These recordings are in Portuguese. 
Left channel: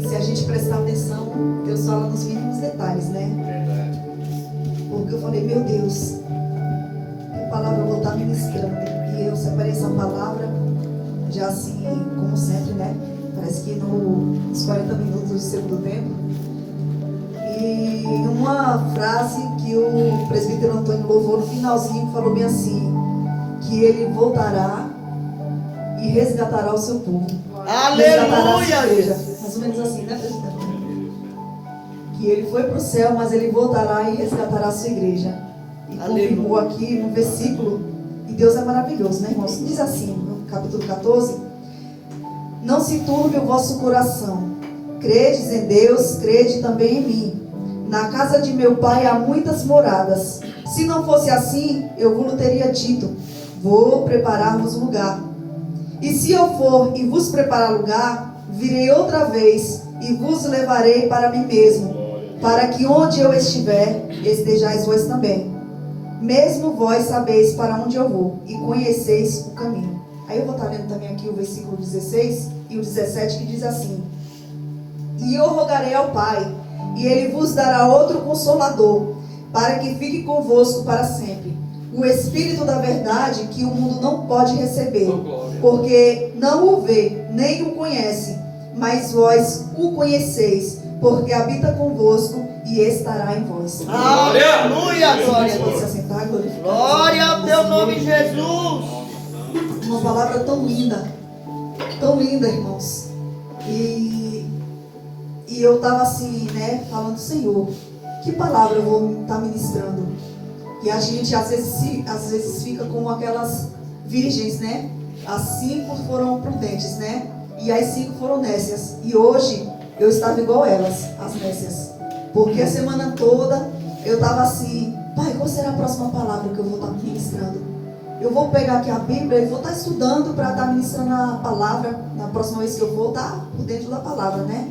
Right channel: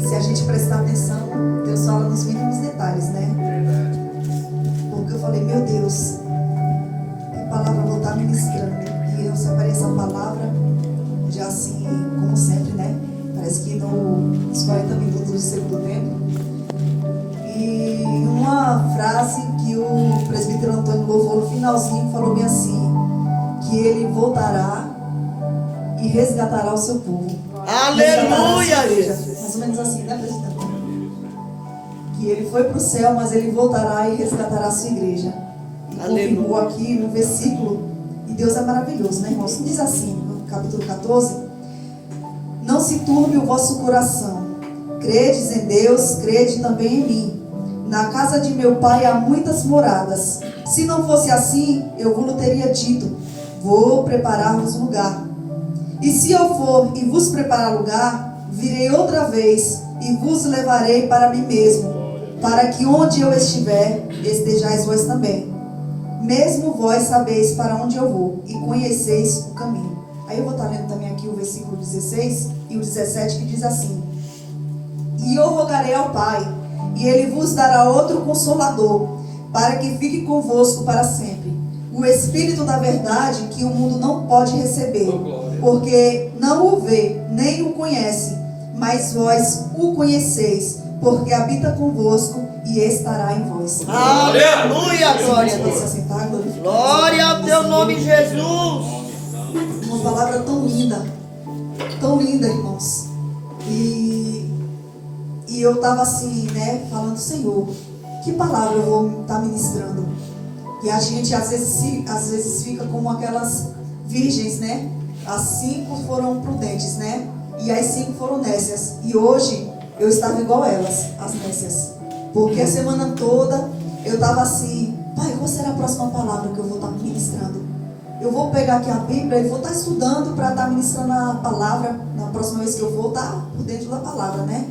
se a gente prestar atenção, Deus fala nos mínimos detalhes, né? Verdade. Porque eu falei, meu Deus, que palavra eu vou estar ministrando. E eu separei essa palavra, já assim, como sempre, né? Parece que nos 40 minutos do segundo tempo. E uma frase que o presbítero Antônio louvou no finalzinho, falou bem assim, que ele voltará e resgatará o seu povo. Aleluia! Mais ou menos assim, né, presbítero? Que ele foi para o céu, mas ele voltará e resgatará a sua igreja. E confirmou aqui no versículo, e Deus é maravilhoso, né, irmãos? Diz assim, no capítulo 14: não se turbe o vosso coração, credes em Deus, crede também em mim. Na casa de meu pai há muitas moradas. Se não fosse assim, eu vos teria dito, vou preparar-vos lugar. E se eu for e vos preparar lugar, virei outra vez e vos levarei para mim mesmo, para que onde eu estiver, estejais vós também. Mesmo vós sabeis para onde eu vou e conheceis o caminho. Aí eu vou estar lendo também aqui o versículo 16 e o 17, que diz assim: e eu rogarei ao Pai, e Ele vos dará outro Consolador, para que fique convosco para sempre, o Espírito da verdade, que o mundo não pode receber, porque não o vê, nem o conhece, mas vós o conheceis, porque habita convosco e estará em vós. Aleluia! Glória a Pode se Deus. assentar, glorificar. Glória a teu nome, Jesus. Uma palavra tão linda, irmãos. E eu estava assim, né, falando, Senhor, que palavra eu vou estar ministrando? E a gente às vezes fica como aquelas virgens, né? As 5 foram prudentes, né? E as 5 foram nécias. E hoje eu estava igual elas, as nécias. Porque a semana toda eu estava assim, Pai, qual será a próxima palavra que eu vou estar ministrando? Eu vou pegar aqui a Bíblia e vou estar estudando para estar ministrando a palavra. Na próxima vez que eu vou estar por dentro da palavra, né?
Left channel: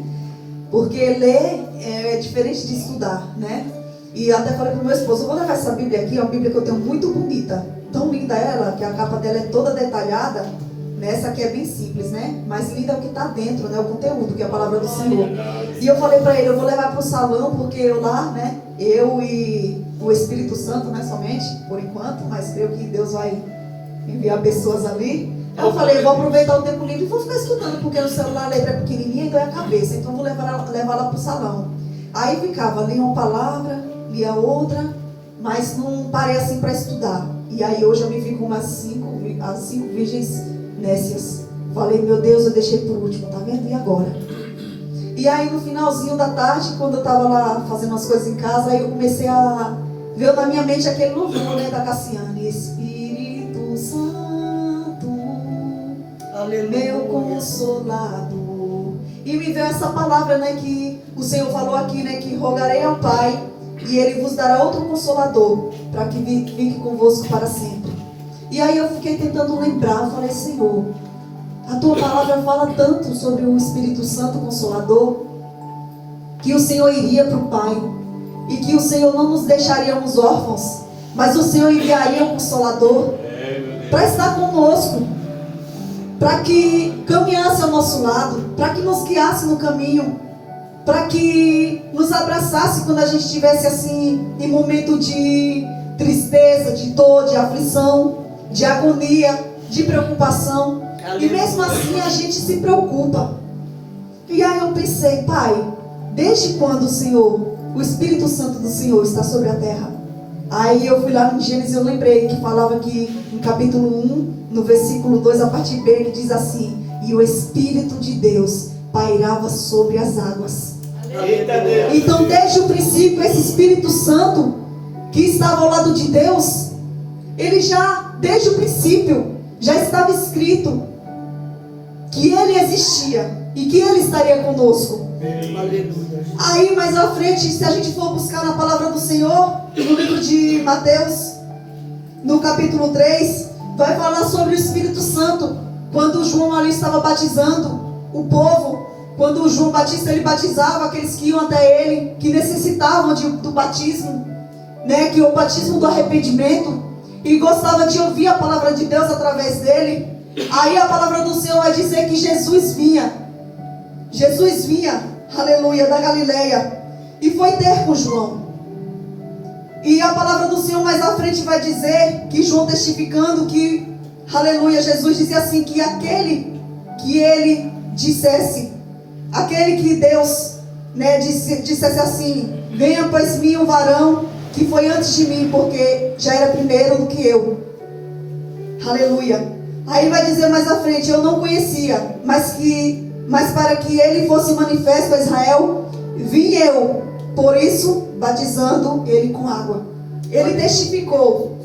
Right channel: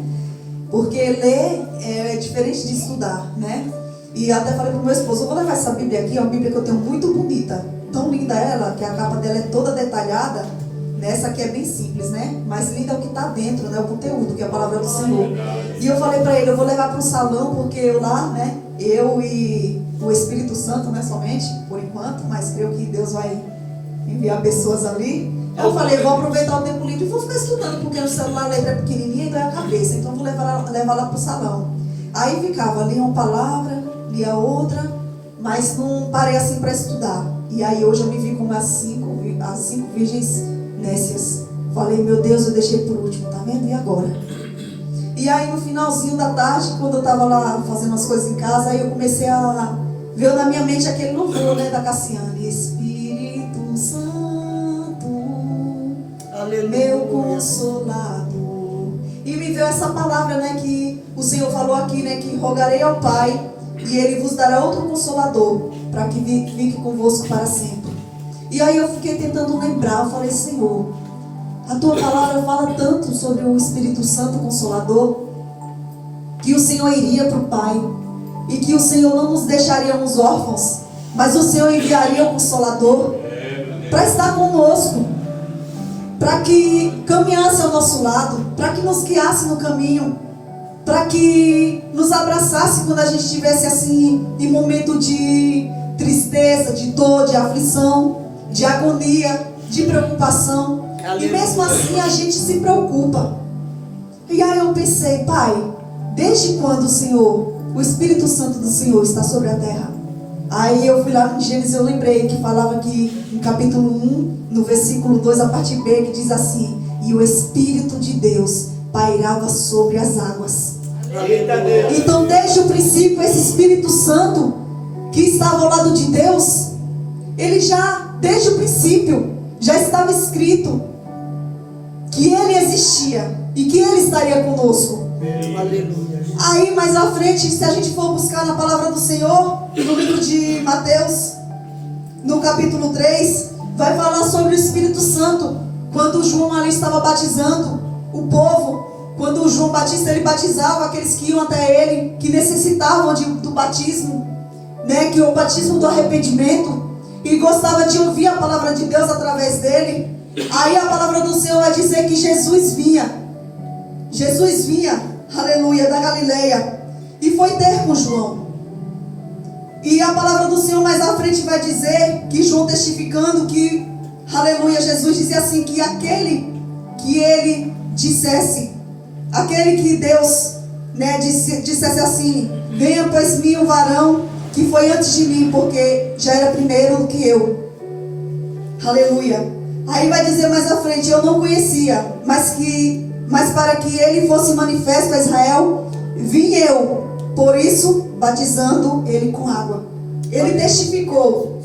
Porque ler é diferente de estudar, né? E até falei para o meu esposo, eu vou levar essa Bíblia aqui, é uma Bíblia que eu tenho muito bonita. Tão linda ela, que a capa dela é toda detalhada. Essa aqui é bem simples, né? Mas linda é o que está dentro, né? O conteúdo, que é a palavra do Senhor. E eu falei para ele, eu vou levar para o salão, porque eu lá, né? Eu e o Espírito Santo, né? Somente, por enquanto, mas creio que Deus vai enviar pessoas ali. Eu falei, vou aproveitar o tempo livre e vou ficar estudando, porque no celular a letra é pequenininha e ganha a cabeça. Então eu vou levar lá para o salão. Aí ficava, lia uma palavra, lia outra, mas não parei assim para estudar. E aí hoje eu me vi com as cinco virgens nécias. Falei, meu Deus, eu deixei por último, tá vendo? E agora? E aí no finalzinho da tarde, quando eu tava lá fazendo as coisas em casa, aí eu comecei a ver na minha mente aquele louvor, né, da Cassiane. Espírito Santo, aleluia, meu Consolador. E me veio essa palavra, né, que o Senhor falou aqui, né, que rogarei ao Pai e Ele vos dará outro Consolador, para que fique convosco para sempre. E aí eu fiquei tentando lembrar, eu falei, Senhor, a Tua palavra fala tanto sobre o Espírito Santo Consolador, que o Senhor iria para o Pai, e que o Senhor não nos deixaria uns órfãos, mas o Senhor enviaria o Consolador para estar conosco, para que caminhasse ao nosso lado, para que nos guiasse no caminho, para que nos abraçasse quando a gente estivesse assim, em momento de tristeza, de dor, de aflição, de agonia, de preocupação. E mesmo assim a gente se preocupa. E aí eu pensei, Pai, desde quando o Espírito Santo do Senhor está sobre a terra? Aí eu fui lá no Gênesis e eu lembrei que falava que no capítulo 1, no versículo 2, a parte B, que diz assim: e o Espírito de Deus pairava sobre as águas. Então desde o princípio esse Espírito Santo que estava ao lado de Deus, ele já, desde o princípio, já estava escrito que ele existia e que ele estaria conosco. Aí mais à frente, se a gente for buscar na palavra do Senhor, no livro de Mateus, no capítulo 3, vai falar sobre o Espírito Santo. Quando João ali estava batizando o povo, quando o João Batista ele batizava aqueles que iam até ele, que necessitavam do batismo, né, que o batismo do arrependimento, e gostava de ouvir a palavra de Deus através dele. Aí a palavra do Senhor vai dizer que Jesus vinha Jesus vinha, aleluia, da Galileia e foi ter com João. E a palavra do Senhor mais à frente vai dizer que João testificando que, aleluia, Jesus dizia assim, que aquele que ele dissesse, aquele que Deus, né, dissesse assim, venha pois mim um varão que foi antes de mim, porque já era primeiro do que eu. Aleluia. Aí vai dizer mais à frente, eu não conhecia, mas para que ele fosse manifesto a Israel, vim eu, por isso batizando ele com água. Ele testificou.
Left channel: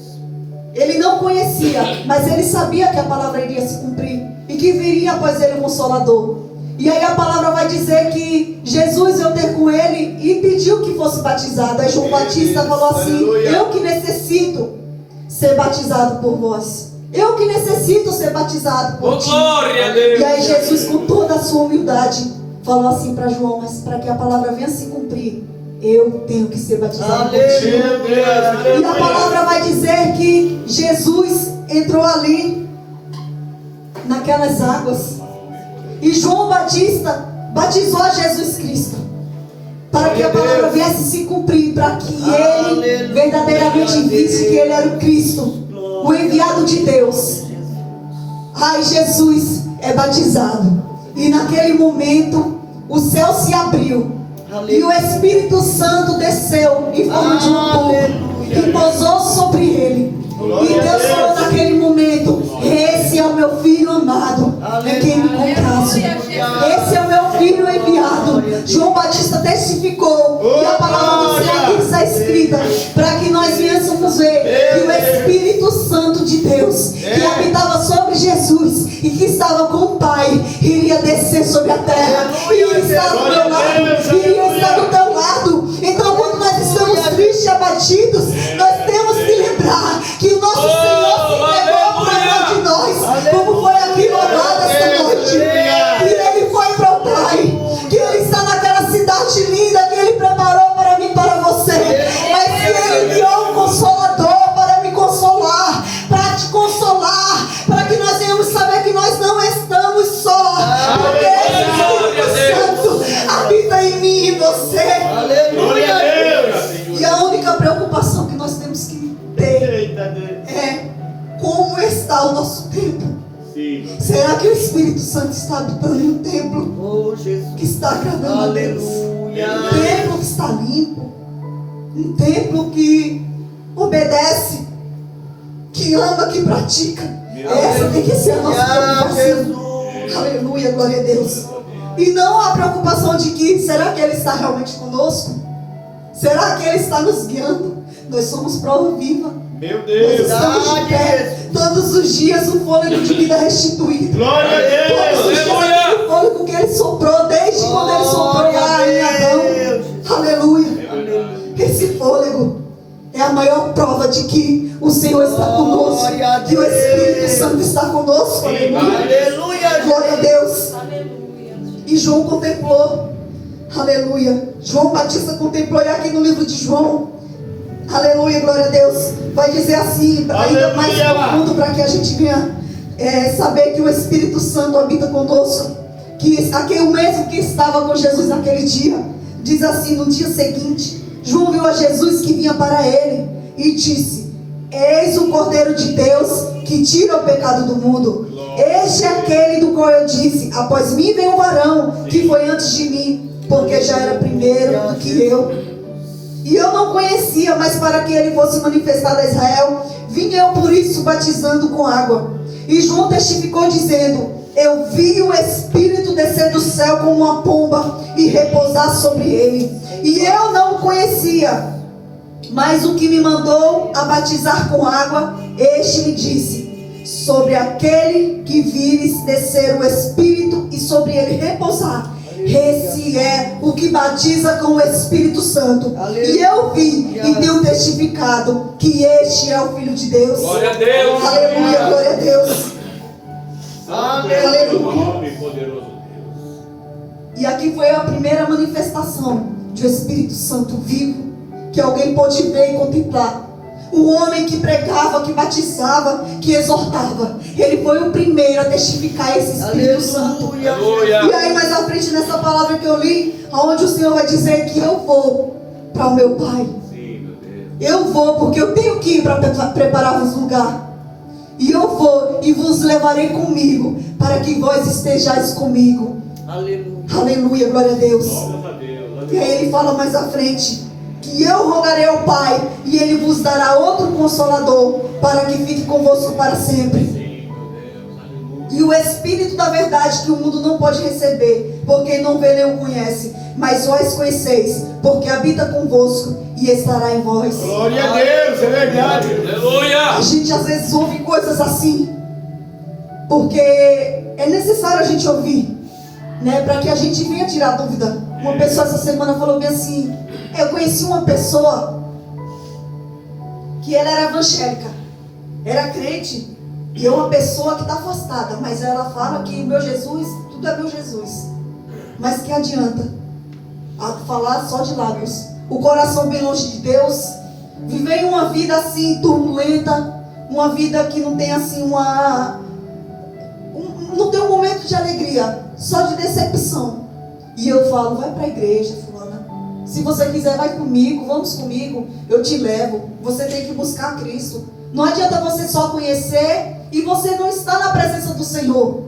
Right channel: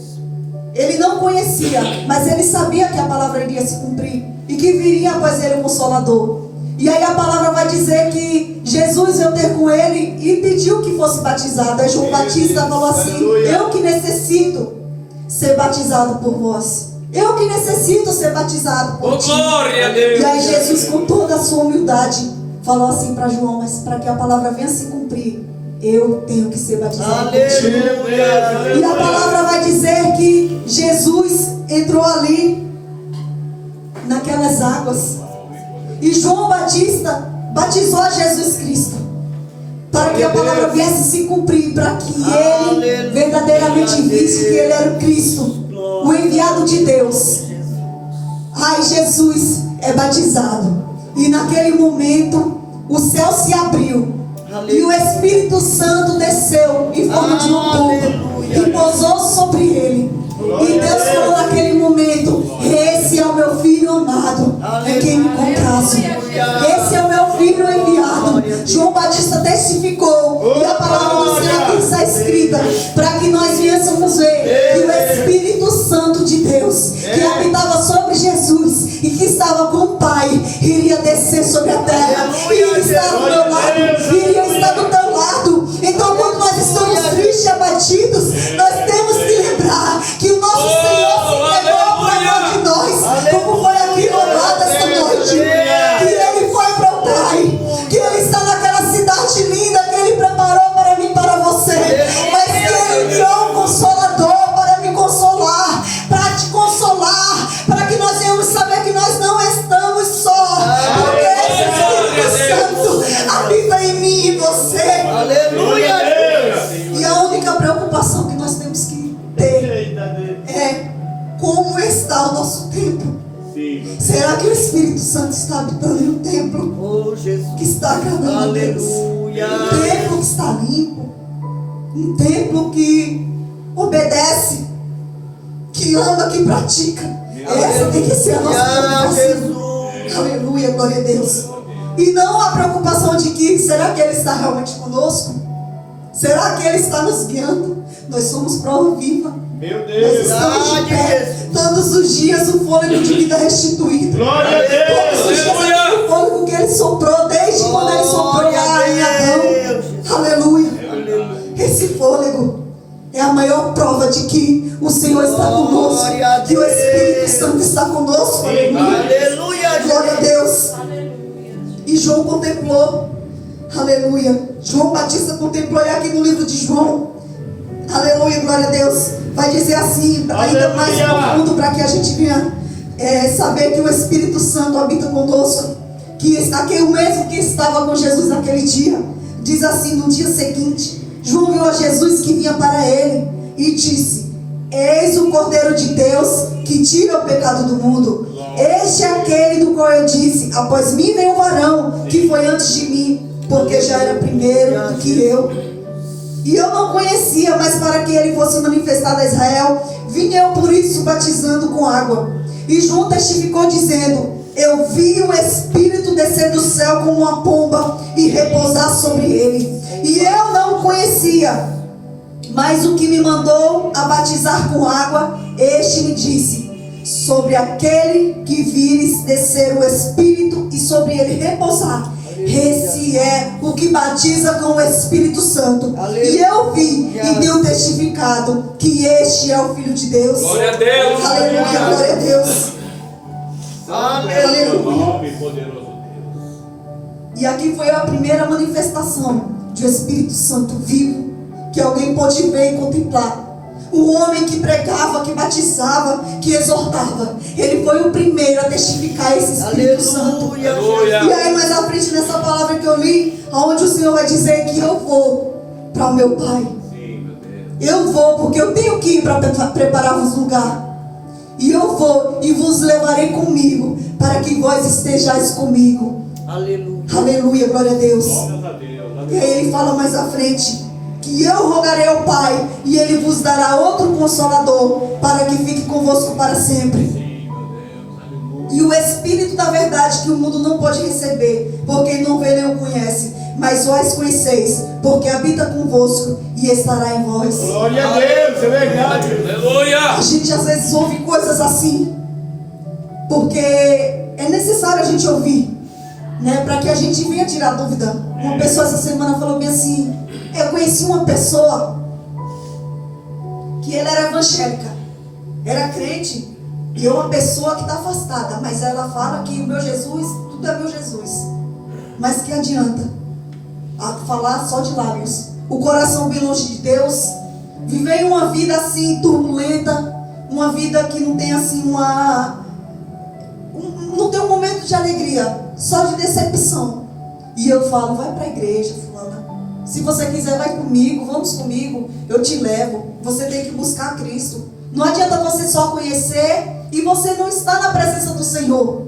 Ele não conhecia, mas ele sabia que a palavra iria se cumprir e que viria após ele o Consolador. E aí a palavra vai dizer que Jesus veio ter com ele e pediu que fosse batizado. Aí João Batista falou assim, eu que necessito ser batizado por vós. Eu que necessito ser batizado por ti. Glória a Deus. E aí Jesus, com toda a sua humildade, falou assim para João, mas para que a palavra venha se cumprir, eu tenho que ser batizado por ti. E a palavra vai dizer que Jesus entrou ali, naquelas águas, e João Batista batizou a Jesus Cristo, para que a palavra viesse se cumprir, para que ele verdadeiramente visse que ele era o Cristo, o enviado de Deus. Ai, Jesus é batizado, e naquele momento o céu se abriu, e o Espírito Santo desceu em forma de uma pomba e pousou sobre ele. E Deus falou naquele momento, esse é o meu filho amado, em quem me comprazo. Esse é o meu filho enviado. João Batista testificou, e a palavra do Senhor aqui está escrita, para que nós viéssemos ver que o Espírito Santo de Deus, que habitava sobre Jesus e que estava com o Pai, iria descer sobre a terra, iria estar do meu lado, iria estar do teu lado. Então, quando nós estamos tristes e abatidos, nós temos que lembrar que o nosso Senhor se entregou para nós de nós, como foi aqui louvado esta noite, que Ele foi para o Pai, que Ele está naquela cidade linda que Ele preparou para mim e para você, mas que Ele enviou um Consolador para me consolar, para te consolar, para que nós venhamos saber que nós não estamos só, porque o Espírito Santo habita em mim e você. Aleluia. E a única preocupação que nós temos que ter é como está o nosso templo. Será que o Espírito Santo está habitando em um templo Oh, Jesus. que está agradando a Deus? Aleluia. Um templo que está limpo, um templo que obedece, que ama, que pratica. Essa tem que ser a nossa preocupação. Jesus. Aleluia, glória a Deus. E não a preocupação de que, será que Ele está realmente conosco? Será que Ele está nos guiando? Nós somos prova viva. Meu Nós Deus. estamos de pé todos os dias, o fôlego de vida restituído. Glória a Deus. Todos os dias Aleluia. o fôlego que Ele soprou, desde quando Ele soprou lá em Adão. Aleluia. Esse fôlego é a maior prova de que o Senhor está conosco, que o Espírito Santo está conosco. Aleluia. Aleluia. Glória a Deus. E João contemplou, aleluia. João Batista contemplou, e aqui no livro de João, aleluia, glória a Deus, vai dizer assim, ainda mais profundo, para que a gente venha saber que o Espírito Santo habita conosco, que aquele mesmo que estava com Jesus naquele dia, diz assim, no dia seguinte, João viu a Jesus que vinha para ele e disse, eis o Cordeiro de Deus que tira o pecado do mundo. Este é aquele do qual eu disse, após mim vem um varão que foi antes de mim, porque já era primeiro do que eu. E eu não conhecia, mas para que ele fosse manifestado a Israel, vim eu por isso batizando com água. E João testificou dizendo, eu vi o Espírito descer do céu como uma pomba e repousar sobre ele. E eu não o conhecia, mas o que me mandou a batizar com água, este me disse, sobre aquele que vires descer o Espírito e sobre ele repousar, esse é o que batiza com o Espírito Santo. E eu vi e tenho testificado que este é o Filho de Deus. Glória a Deus. Aleluia, glória a Deus. Aleluia. Nome poderoso Deus. E aqui foi a primeira manifestação de um Espírito Santo vivo, que alguém pode ver e contemplar. O homem que pregava, que batizava, que exortava. Ele foi o primeiro a testificar esse Espírito Santo. Aleluia. Aleluia. E aí mais à frente nessa palavra que eu li, onde o Senhor vai dizer que eu vou para o meu Pai. Sim, meu Deus. Eu vou porque eu tenho que ir para preparar-vos lugar. E eu vou e vos levarei comigo, para que vós estejais comigo. Aleluia. Aleluia, glória a Deus. Glórias a Deus. E aí ele fala mais à frente, que eu rogarei ao Pai, e Ele vos dará outro Consolador, para que fique convosco para sempre. Sim, meu Deus. Aleluia. E o Espírito da verdade que o mundo não pode receber, porque não vê nem o conhece, mas vós conheceis, porque habita convosco e estará em vós. Glória a Deus, é verdade. Aleluia. A gente às vezes ouve coisas assim, porque é necessário a gente ouvir, né, para que a gente venha tirar dúvida. Uma pessoa essa semana falou bem assim, eu conheci uma pessoa que ela era evangélica, era crente, e é uma pessoa que está afastada, mas ela fala que o meu Jesus, tudo é meu Jesus. Mas que adianta a falar só de lábios, o coração bem longe de Deus, viver uma vida assim turbulenta, uma vida que não tem assim não tem um momento de alegria, só de decepção. E eu falo, vai para a igreja, fulana. Se você quiser, vai comigo, vamos comigo, eu te levo. Você tem que buscar Cristo. Não adianta você só conhecer e você não estar na presença do Senhor.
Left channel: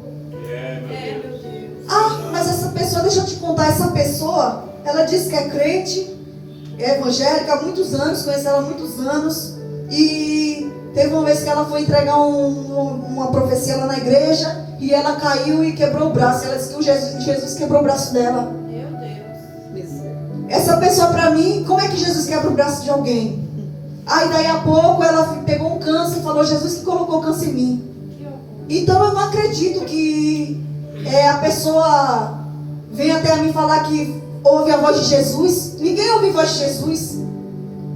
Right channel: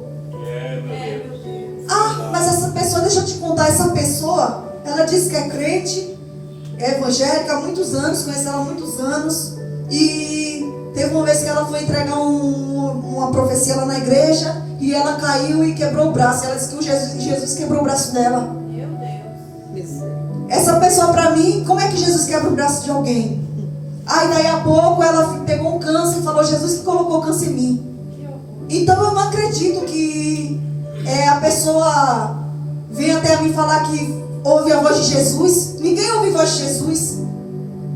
É, meu Deus. Ah, mas essa pessoa, deixa eu te contar, essa pessoa, ela diz que é crente, é evangélica há muitos anos, conhece ela há muitos anos, e teve uma vez que ela foi entregar uma profecia lá na igreja, e ela caiu e quebrou o braço. Ela disse que Jesus quebrou o braço dela. Meu Deus. Essa pessoa, para mim, como é que Jesus quebra o braço de alguém? Aí daí a pouco ela pegou um câncer e falou, Jesus que colocou o câncer em mim. Então eu não acredito que a pessoa vem até a mim falar que ouve a voz de Jesus. Ninguém ouve a voz de Jesus.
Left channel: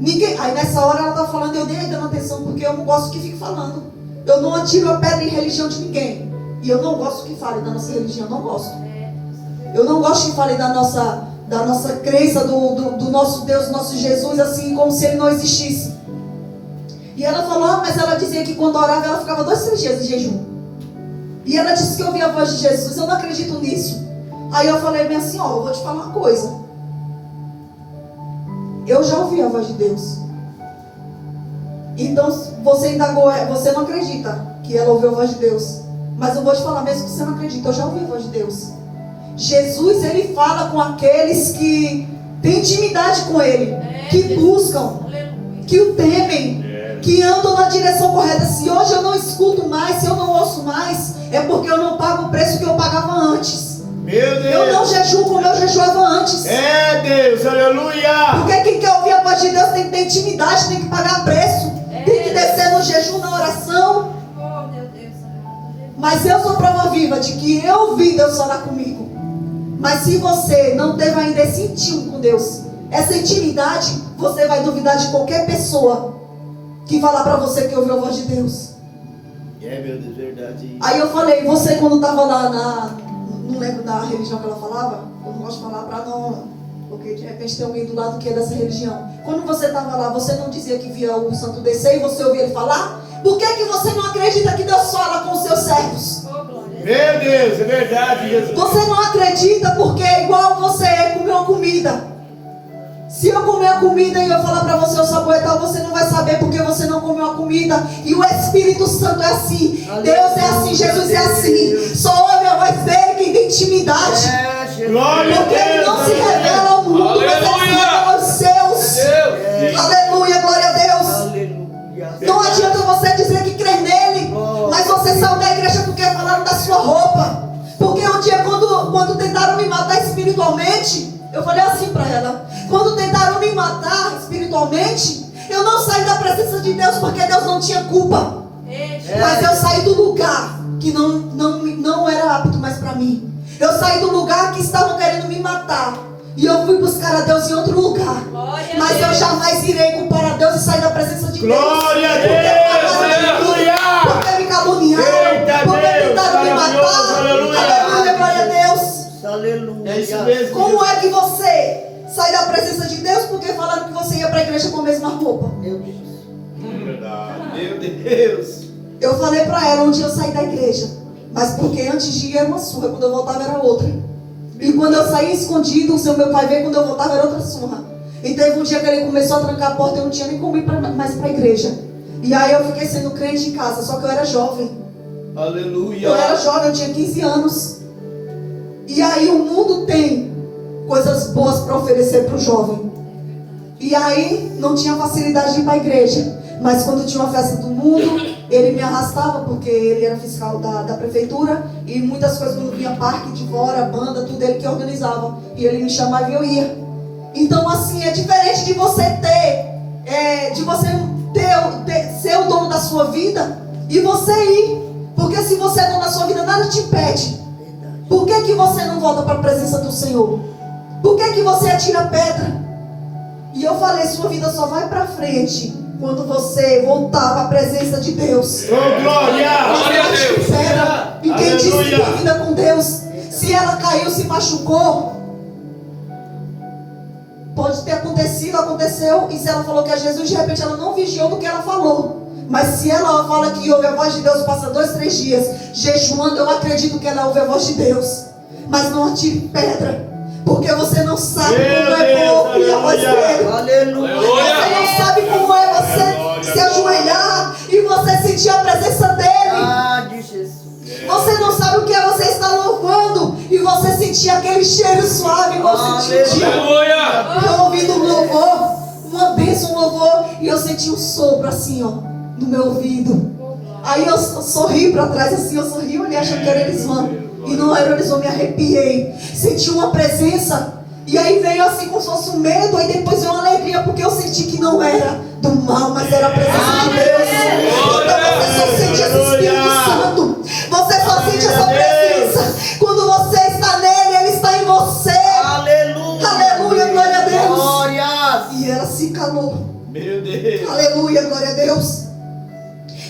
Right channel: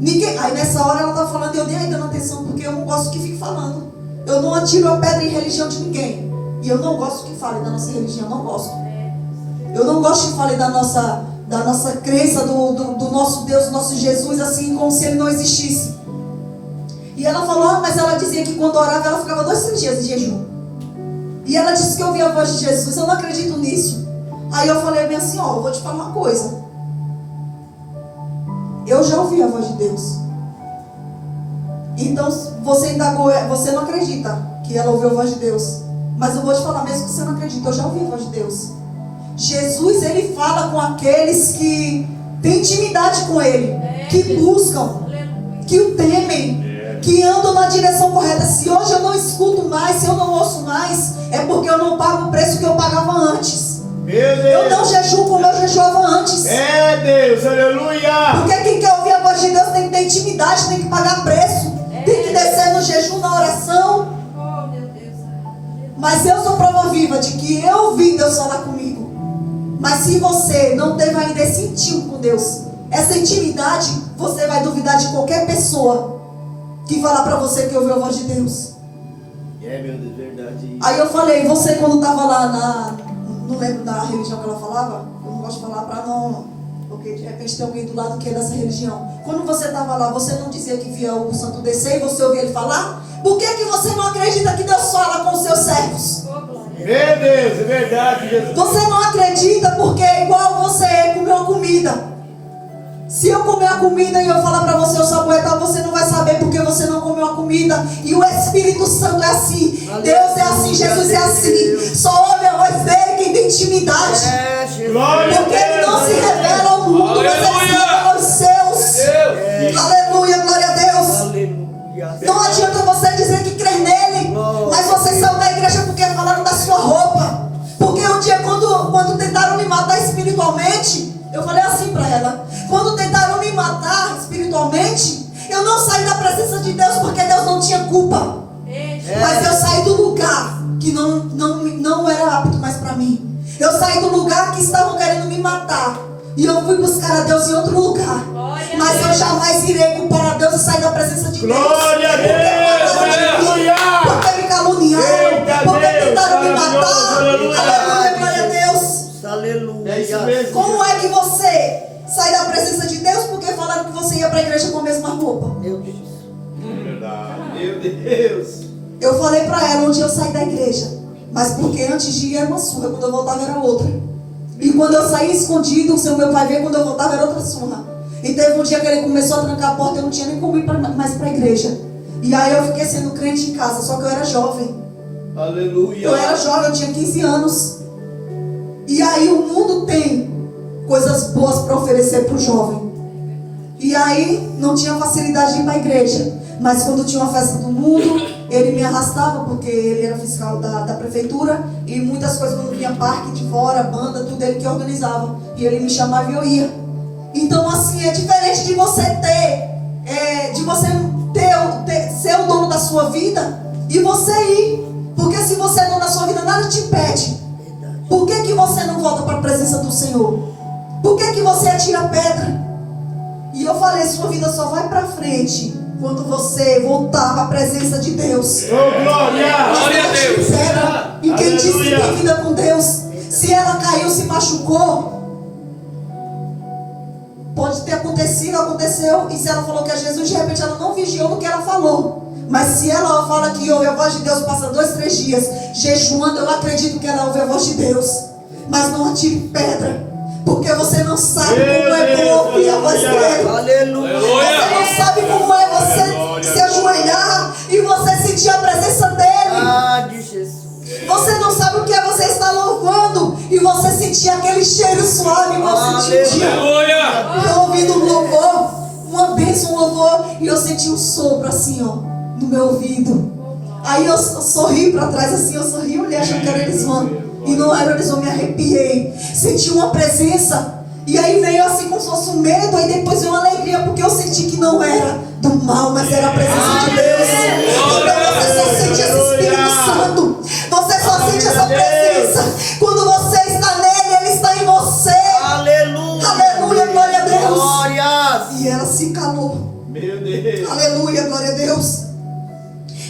Ninguém. Aí nessa hora ela está falando, eu nem aí dando atenção, porque eu não gosto que fique falando. Eu não atiro a pedra em religião de ninguém. E eu não gosto que fale da nossa religião, não gosto. Eu não gosto que fale da nossa crença, do nosso Deus, do nosso Jesus, assim como se ele não existisse. E ela falou, mas ela dizia que quando orava ela ficava 2, 3 dias de jejum. E ela disse que ouvia a voz de Jesus. Eu não acredito nisso. Aí eu falei bem assim, ó, eu vou te falar uma coisa. Eu já ouvi a voz de Deus. Então você indagou, você não acredita que ela ouviu a voz de Deus. Mas eu vou te falar, mesmo que você não acredita, eu já ouvi a voz de Deus. Jesus, ele fala com aqueles que têm intimidade com ele, que buscam, que o temem, que andam na direção correta. Se hoje eu não escuto mais, se eu não ouço mais, é porque eu não pago o preço que eu pagava antes. Meu Deus. Eu não jejuo como eu jejuava antes. É Deus, aleluia. Porque quem quer ouvir a voz de Deus tem que ter intimidade, tem que pagar preço, tem que descer no jejum, na oração. Oh, meu Deus. Mas eu sou prova viva de que eu ouvi Deus falar comigo. Mas se você não teve ainda esse íntimo com Deus, essa intimidade, você vai duvidar de qualquer pessoa que falar pra você que ouviu a voz de Deus. É, meu Deus, verdade. Aí eu falei, você quando estava lá não lembro da religião que ela falava, eu não gosto de falar pra não, porque de repente tem alguém do lado que é dessa religião. Quando você estava lá, você não dizia que via o santo descer e você ouvia ele falar? Por que você não acredita que Deus fala com os seus servos? Oh, glória. Meu Deus, é verdade, Jesus. Você não acredita porque é igual você comeu uma comida. Se eu comer a comida e eu falar para você o sabor é tal, você não vai saber porque você não comeu a comida. E o Espírito Santo é assim. Deus é assim, Jesus é assim. Só ouve a voz dele quem tem intimidade. É, Jesus. Glória a Porque ele não se Deus. revela ao mundo, mas ele se Aleluia. revela aos seus. Deus. Aleluia, glória a Deus. Aleluia. Não adianta você dizer que crê nele, mas você saiu da igreja porque falaram da sua roupa. Porque um dia quando tentaram me matar espiritualmente, eu falei assim para ela, quando tentaram me matar espiritualmente, eu não saí da presença de Deus porque Deus não tinha culpa. Mas eu saí do lugar que não era apto mais para mim. Eu saí do lugar que estavam querendo me matar. E eu fui buscar a Deus em outro lugar. Mas eu jamais irei comparar a Deus e sair da presença de Deus. Glória a Deus, aleluia. Porque me caluniaram, Eita porque Deus, tentaram me maravilhoso, matar. aleluia. Aleluia, glória a Deus. Aleluia. É isso mesmo. Como é que você sai da presença de Deus porque falaram que você ia para a igreja com a mesma roupa? Meu Deus. Verdade. Meu Deus. Eu falei pra ela onde eu saí da igreja. Mas porque antes de ir era uma surra, quando eu voltava era outra. E quando eu saí escondido, o meu pai veio, quando eu voltava era outra surra. E teve um dia que ele começou a trancar a porta, eu não tinha nem como ir mais pra igreja. E aí eu fiquei sendo crente em casa, só que eu era jovem. Aleluia. Eu era jovem, eu tinha 15 anos. E aí o mundo tem coisas boas para oferecer para o jovem. E aí não tinha facilidade de ir para a igreja. Mas quando tinha uma festa do mundo, ele me arrastava, porque ele era fiscal da prefeitura. E muitas coisas, quando vinha parque de fora, banda, tudo ele que organizava. E ele me chamava e eu ia. Então assim, é diferente de você ser o dono da sua vida e você ir. Porque se você é dono da sua vida, nada te impede. Por que você não volta para a presença do Senhor? Por que você atira pedra? E eu falei, sua vida só vai para frente quando você voltar para a presença de Deus. Oh, glória! Glória a Deus. Pedra. E quem disse que Aleluia. tem vida com Deus, se ela caiu, se machucou, pode ter acontecido, aconteceu. E se ela falou que é Jesus, de repente ela não vigiou no que ela falou. Mas se ela fala que ouve a voz de Deus, passa 2, 3 dias jejuando, eu acredito que ela ouve a voz de Deus. Mas não atire pedra, porque você não sabe como é bom ouvir a voz dele. Aleluia. Você não sabe como é você se ajoelhar e você sentir a presença dele. Ah, de Jesus. Você não sabe o que é você estar louvando e você sentir aquele cheiro suave, igual você sentiu. Aleluia. Eu ouvindo um louvor, uma bênção, um louvor, e eu senti um sopro assim, ó, no meu ouvido. Aí eu sorri pra trás assim, eu sorri, olhei achando que era elismano. E não era elismano, me arrepiei. Senti uma presença. E aí veio assim como se fosse um medo, aí depois veio uma alegria, porque eu senti que não era do mal, mas era a presença de Deus. Então você só sente esse Espírito Santo. Você só sente essa presença quando você está nele, ele está em você. Aleluia. Aleluia, glória a Deus. Glória. E ela se calou. Meu Deus. Aleluia, glória a Deus.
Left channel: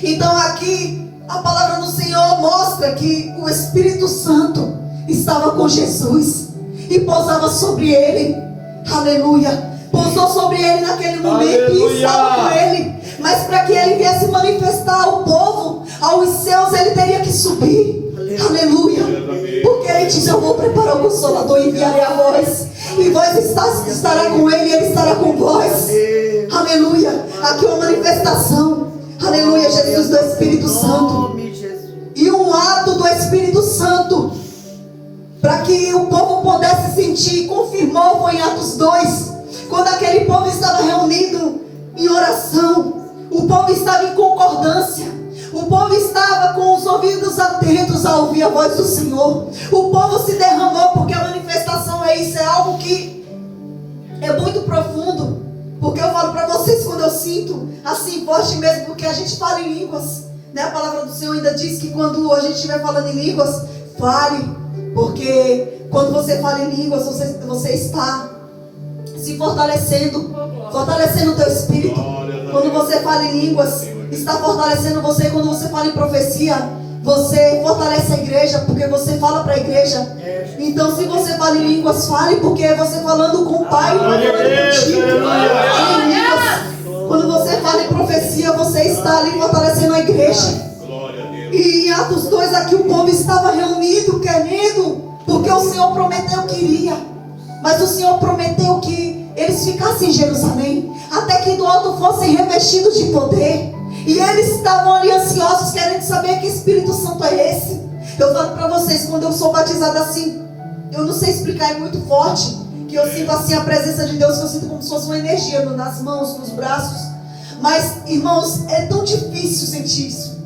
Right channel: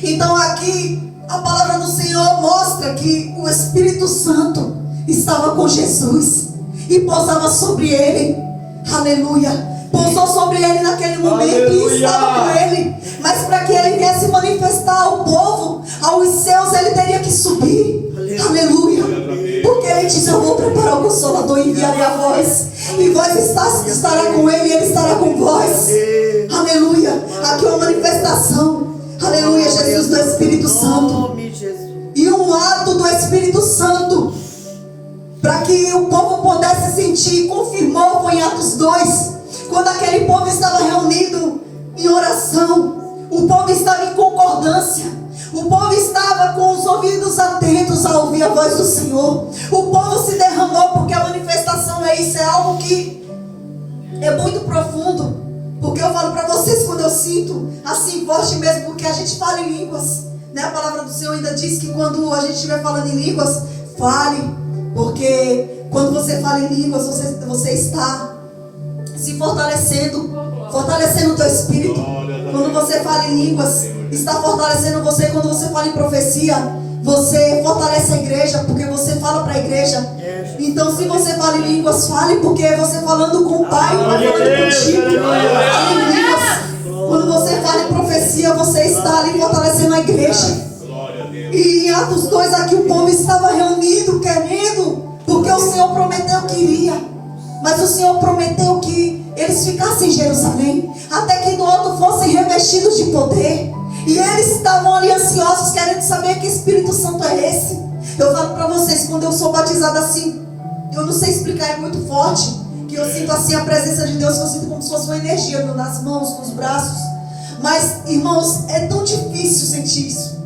Então aqui a palavra do Senhor mostra que o Espírito Santo estava com Jesus e pousava sobre ele. Aleluia. Pousou sobre ele naquele momento. Aleluia. E estava com ele. Mas para que ele viesse manifestar ao povo, aos céus, ele teria que subir. Aleluia. Porque ele diz, eu vou preparar o Consolador e enviarei a voz. E vós estará com ele e ele estará com vós. Aleluia. Aqui é uma manifestação. Aleluia, Jesus, do Espírito Santo. Nome de Jesus. E um ato do Espírito Santo, para que o povo pudesse sentir, confirmou, foi em Atos 2, quando aquele povo estava reunido em oração, o povo estava em concordância, o povo estava com os ouvidos atentos a ouvir a voz do Senhor, o povo se derramou, porque a manifestação é isso, é algo que é muito profundo. Porque eu falo para vocês, quando eu sinto assim forte mesmo, porque a gente fala em línguas, né? A palavra do Senhor ainda diz que quando a gente estiver falando em línguas, fale, porque quando você fala em línguas, você está se fortalecendo o teu espírito. Quando você fala em línguas, está fortalecendo você. Quando você fala em profecia, você fortalece a igreja, porque você fala para a igreja. Então, se você fala em línguas, fale, porque é você falando com o Pai, não é falando contigo. Fale em línguas. Quando você fala em profecia, você está ali fortalecendo a igreja. E em Atos 2 aqui o povo estava reunido, querendo, porque o Senhor prometeu que iria. Mas o Senhor prometeu que eles ficassem em Jerusalém, até que do alto fossem revestidos de poder. E eles estavam ali ansiosos, querendo saber que Espírito Santo é esse. Eu falo para vocês, quando eu sou batizada assim, eu não sei explicar, é muito forte, que eu sinto assim a presença de Deus, que eu sinto como se fosse uma energia nas mãos, nos braços. Mas, irmãos, é tão difícil sentir isso,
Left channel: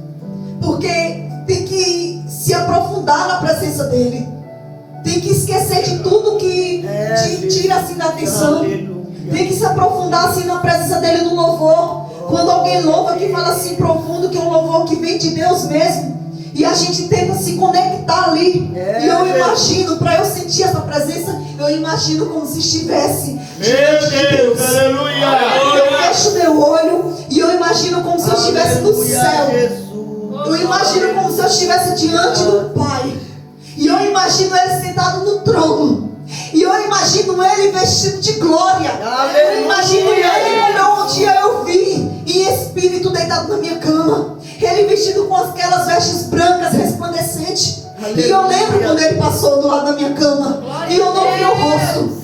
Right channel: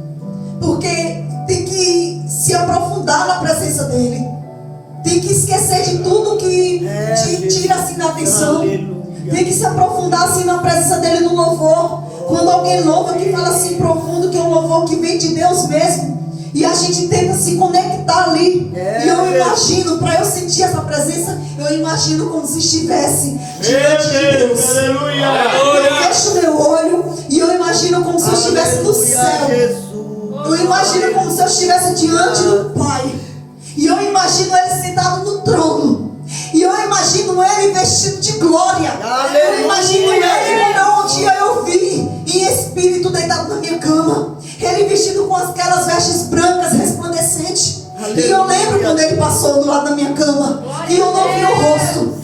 porque tem que se aprofundar na presença dele, tem que esquecer de tudo que te tira assim da atenção. Tem que se aprofundar assim na presença dele no louvor. Quando alguém louva, que fala assim profundo, que é um louvor que vem de Deus mesmo, e a gente tenta se conectar ali. E eu imagino, para eu sentir essa presença, eu imagino como se estivesse diante de Deus. Eu fecho meu olho e eu imagino como se eu estivesse no céu. Eu imagino como se eu estivesse diante do Pai. E eu imagino ele sentado no trono. E eu imagino ele vestido de glória. Eu imagino ele como um dia eu vi em em espírito deitado na minha cama. Ele vestido com aquelas vestes brancas resplandecentes. E eu lembro quando ele passou do lado da minha cama. E eu não vi o rosto,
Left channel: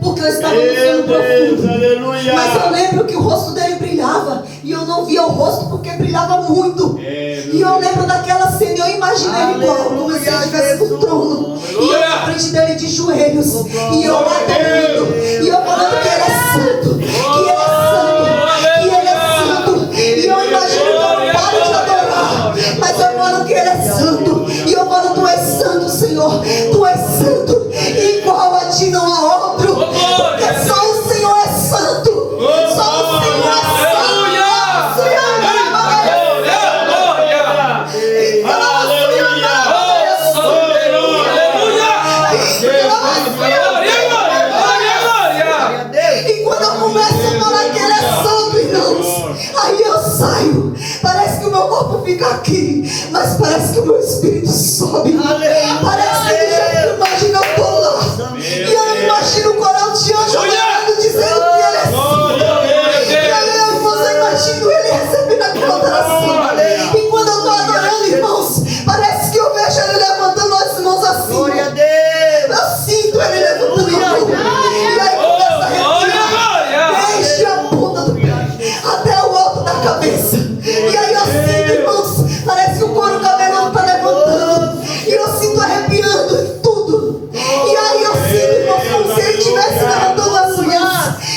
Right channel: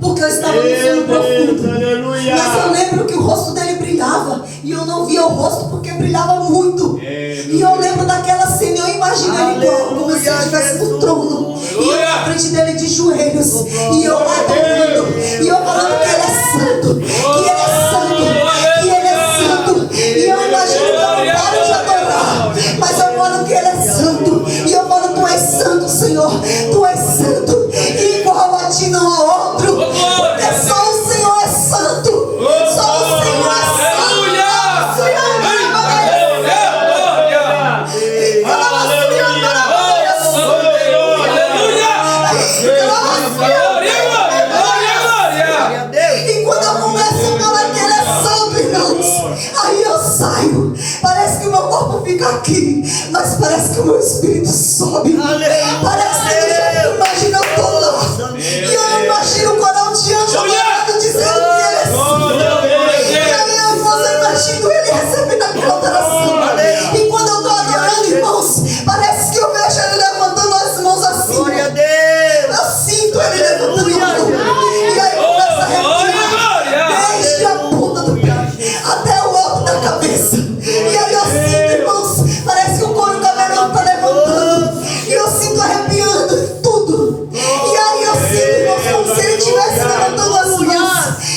porque eu estava no sono profundo. Aleluia. Mas eu lembro que o rosto dele brilhava. E eu não via o rosto porque brilhava muito. E eu lembro daquela cena. Eu imaginei ele igual, como se ele estivesse no trono. E eu na frente dele de joelhos. E eu adorando. E eu falando que ele é santo. Que ele é santo. Que ele é santo. E eu imagino que eu não paro de adorar. Mas eu falo que ele é santo. E eu falo, tu és santo, Senhor. Tu és santo. E igual a ti não há outro. Porque só o Senhor é santo. Só o Senhor é santo. E quando eu começo a falar que ele é santo, irmãos, aí eu saio. Parece que o meu corpo fica aqui, mas parece que o meu espírito sobe. Parece que do jeito que eu imagino, eu tô lá. E eu imagino o coral de anjo adorando, dizendo que ele é santo. E aí eu imagino ele recebendo aquela adoração. E quando eu tô adorando, irmãos, parece que eu vejo ele levantando as mãos assim. Eu sinto ele levantando a mão. E aí começa a arrepiar, desde a ponta do pé até o alto da cabeça. E aí eu sinto, irmãos, parece que o couro cabeludo está levantando. E eu sinto arrepiando tudo. E aí eu sinto, irmãos, como se ele estivesse levantando as mãos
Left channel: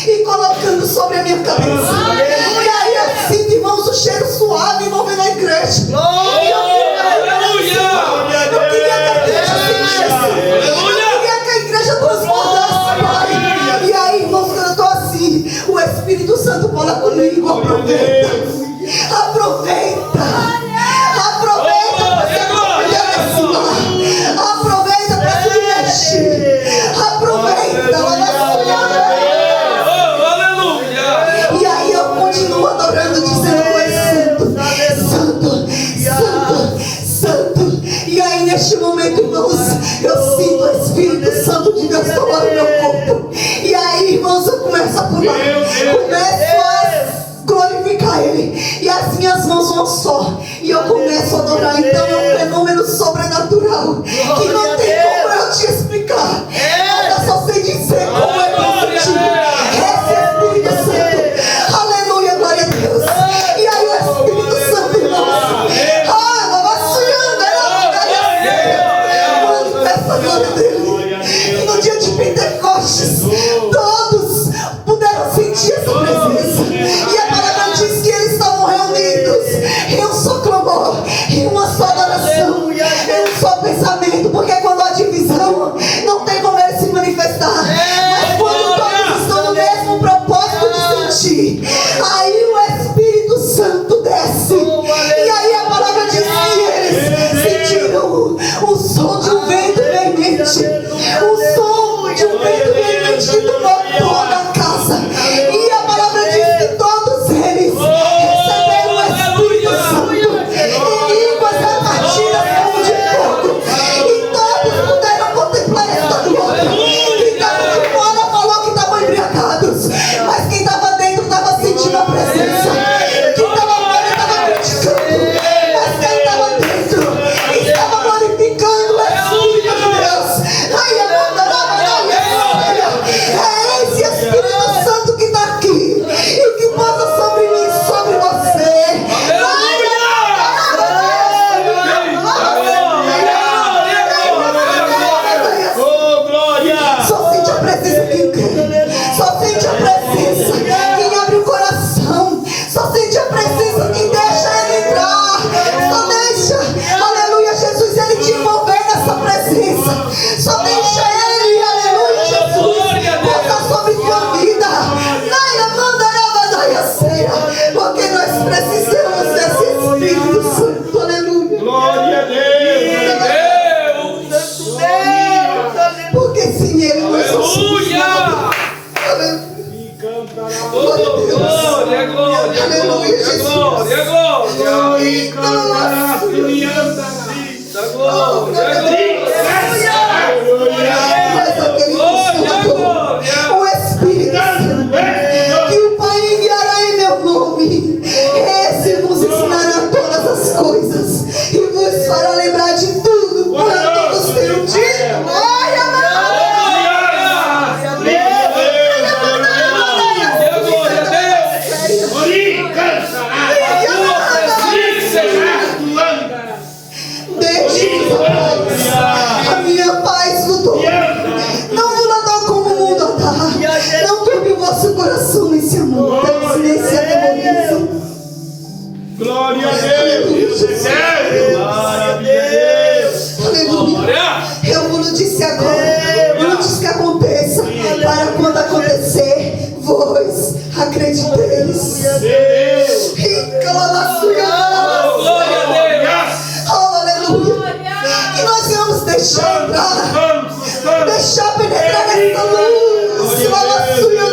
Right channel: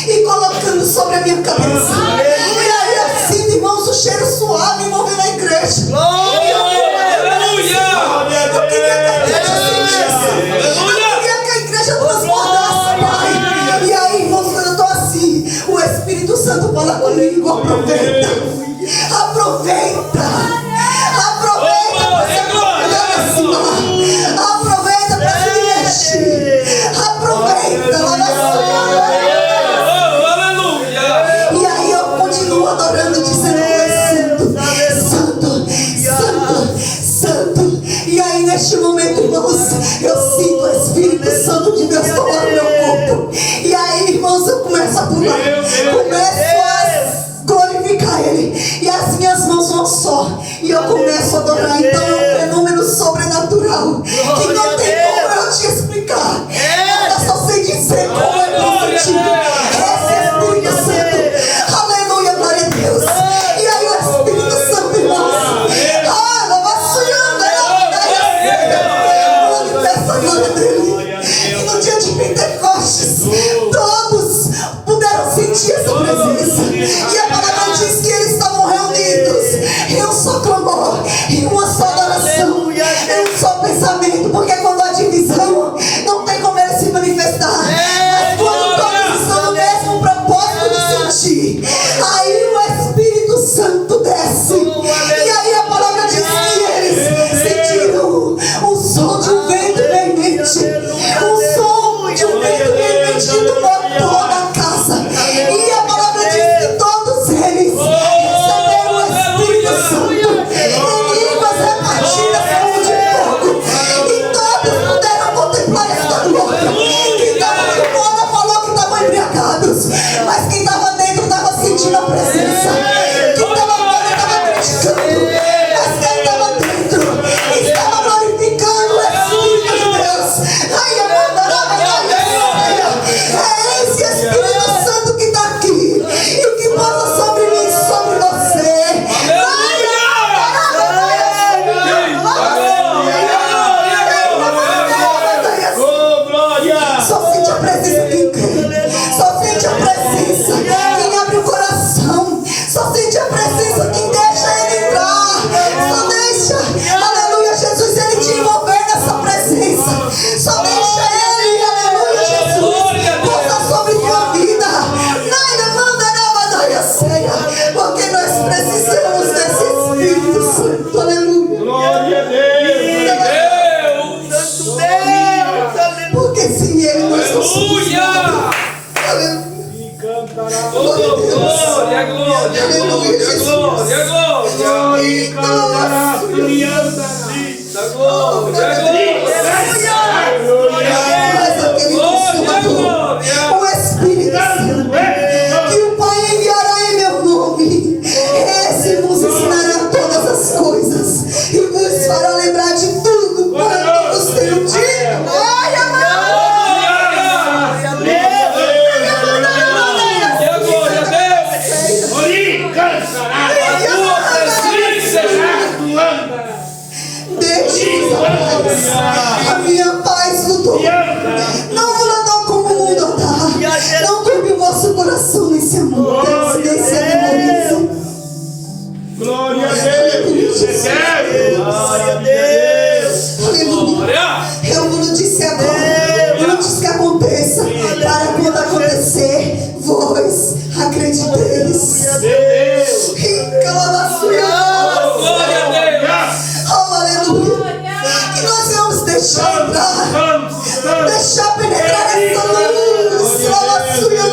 e colocando sobre a minha cabeça. E aí eu sinto, irmãos, o cheiro suave envolvendo a igreja. E eu queria que a igreja sentisse. Eu queria que a igreja transbordasse, Pai. E aí, irmãos, quando eu estou assim, o Espírito Santo fala comigo. Aproveita. Aproveita. Aproveita para se mergulhar nesse mar. Aproveita para se mexer. Aproveita. E aí eu continuo adorando, dizendo: tu és santo, santo, santo. E aí neste momento, irmãos, eu sinto o Espírito Santo de Deus tomar o meu corpo. E aí, irmãos, eu começo a pular. Começo a glorificar Ele. E as minhas mãos vão só. E eu começo a adorar. Então é um fenômeno sobrenatural que não tem como eu te explicar. Eu só sei dizer como é que eu senti. Esse Espírito Santo. Aleluia, glória a Deus. E aí o Espírito Santo, irmãos, manifesta a glória dele. E no dia de Pentecostes, todos puderam sentir essa presença. E a palavra diz que eles estavam reunidos em um só clamor, em uma só adoração, em um só pensamento. Porque quando há divisão, não tem como ele se manifestar. Mas quando todos estão no mesmo propósito de sentir, aí o Espírito Santo desce. E aí a palavra diz que eles sentiram o som de um vento veemente. O som de um vento veemente que tomou toda a casa. E a palavra diz que todos eles receberam o Espírito Santo em línguas repartidas como de fogo. E todos puderam contemplar esta glória. Quem estava de fora falou que estavam embriagados, mas quem estava dentro estava sentindo a presença. Quem estava fora estava criticando, mas quem estava dentro estava glorificando o Espírito de Deus. Ai, é esse Espírito Santo que está aqui e que posa sobre mim, sobre você. Oh, glória. Só sente a presença quem crê. Só sente a presença quem abre o coração. Só sente a presença quem deixa ele entrar. Só deixa, aleluia, Jesus, ele te envolver nessa presença. Só deixa ele, aleluia, Jesus, posar sobre tua vida. Porque nós precisamos desse Espírito Santo, aleluia. Glória a Deus. Santo Deus. Porque sem ele nós não somos Aleluia! nada. Aleluia. E cantará. Glória a Deus. Glória, glória, Aleluia, Jesus. glória, glória. E cantará. E andará. Da glória, glória. Mas aquele Consolador, o Espírito Santo, que o Pai enviará em meu nome, A minha paz mudou. Não mudou como o mundo dá. Não turbe o vosso coração nesse amor, nesse atemorismo. Glória a Deus. Glória a Deus. Aleluia. Eu não disse agora, não disse que aconteça, para quando acontecer, vós acrediteis. Deus. Glória a Deus. Oh, aleluia. E nós vamos deixar entrar, deixar penetrar essa luz. Aleluia.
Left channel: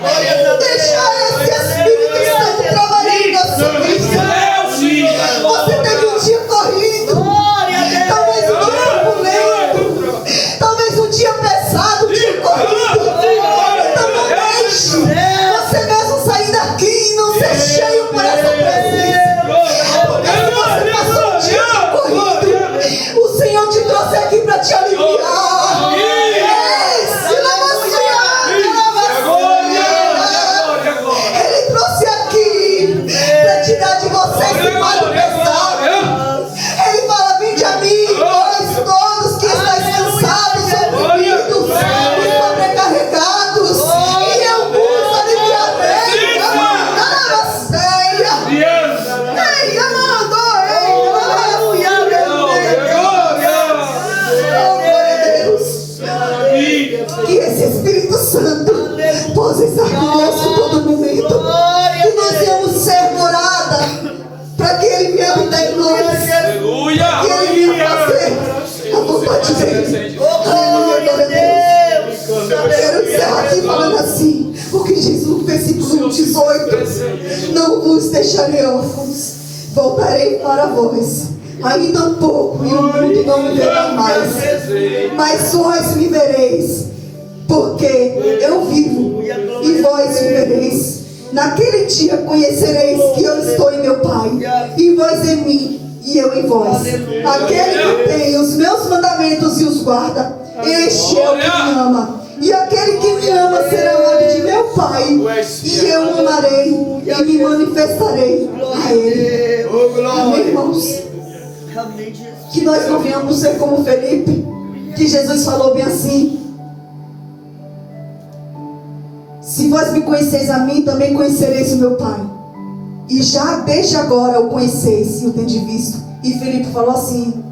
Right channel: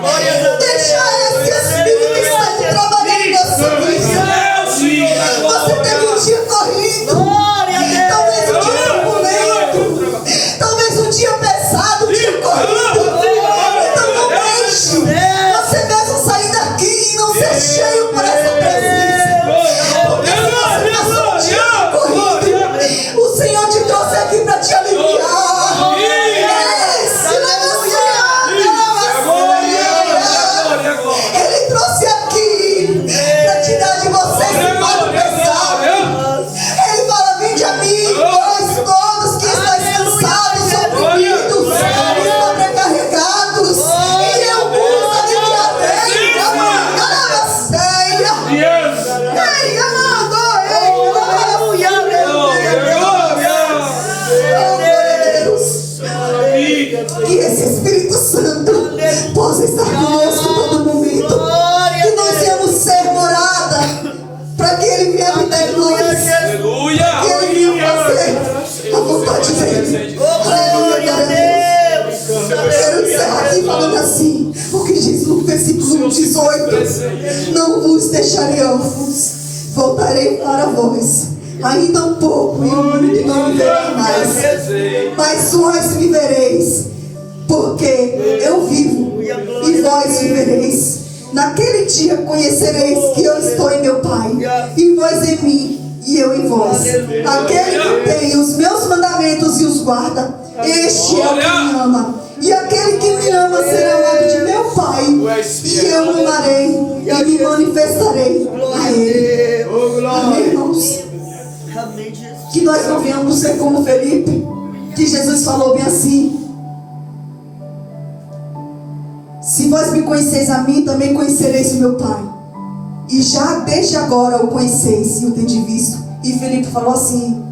Glória, deixar esse Espírito Santo trabalhar em nossa vida. Você teve um dia corrido, talvez um dia turbulento, talvez um dia pesado, um dia corrido. Então não deixe você mesmo sair daqui e não ser cheio por essa presença. Porque se você passou um dia corrido, o Senhor te trouxe aqui para te aliviar. Ele trouxe aqui para tirar de você esse fardo pesado. Ele fala: vinde a mim, vós todos que estáis cansados, oprimidos e sobrecarregados, e eu vos aliviarei. Amanda ceia. Ei, amando, aleluia. Oh, Deus. Que esse Espírito Santo possa estar conosco em todo momento. Que nós viemos ser morada para que Ele venha habitar em nós. Aleluia. Que Ele venha fazer a vontade dEle. Aleluia, Deus. Eu quero encerrar aqui falando assim, porque diz no versículo 18: não vos deixarei órfãos, voltarei para vós. Ainda um pouco e o mundo não me verá mais, mas vós me vereis, porque eu vivo e vós vivereis. Naquele dia conhecereis que eu estou em meu Pai, e vós em mim e eu em vós. Aquele que tem os meus mandamentos e os guarda, este é o que me ama. E aquele que me ama será amado de meu Pai, e eu o amarei e me manifestarei a Ele. Amém, irmãos? Que nós não venhamos ser como Felipe, que Jesus falou bem assim: se vós me conheceis a mim, também conhecereis o meu Pai. E já desde agora o conheceis e o tendes visto. E Felipe falou assim:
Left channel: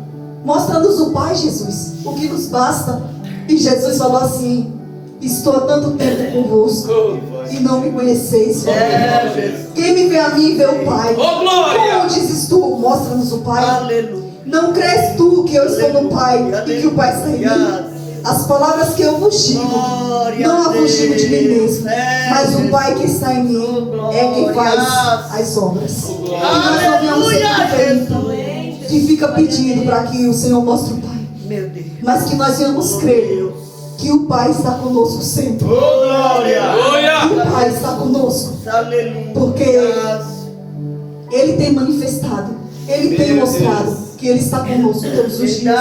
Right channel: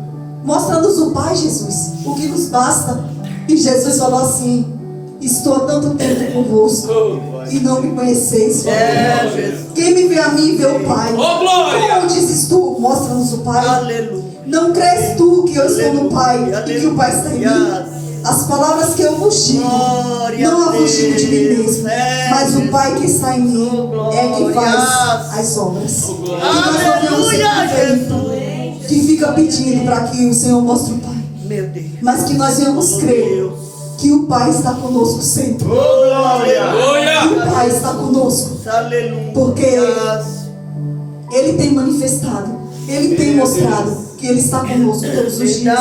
mostra-nos o Pai, Jesus, o que nos basta. E Jesus falou assim: estou há tanto tempo convosco e não me conheceis. Quem me vê a mim vê o Pai. Como dizes tu, mostra-nos o Pai? Não crês tu que eu estou no Pai e que o Pai está em mim? As palavras que eu vos digo, não a vos digo de mim mesmo, mas o Pai que está em mim é quem faz as obras. E nós não vemos Felipe, que fica pedindo para que o Senhor mostre o Pai, mas que nós venhamos crer que o Pai está conosco sempre. Que o Pai está conosco, porque Ele tem manifestado, Ele tem mostrado que Ele está conosco todos os dias.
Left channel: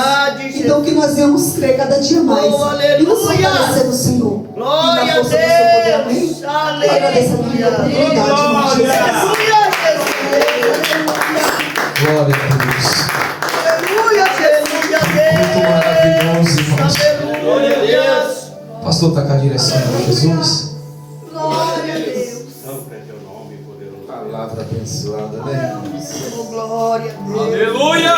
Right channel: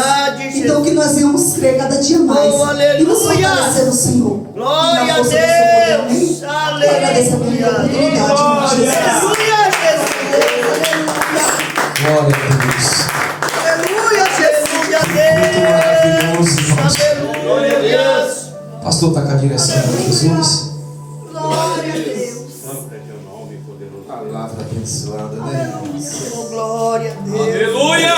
Então que nós venhamos crer cada dia mais e nos fortalecer no Senhor. Glória E na a força do seu poder. Amém? Deus. Eu agradeço a minha oportunidade, irmão Jesus. Glória a Deus. Aleluia, Jesus. Muito maravilhoso, irmãos. Glória a Deus. Pastor, está com a direção de Jesus. Glória a Deus. Palavra abençoada, né? Glória a Deus. Aleluia.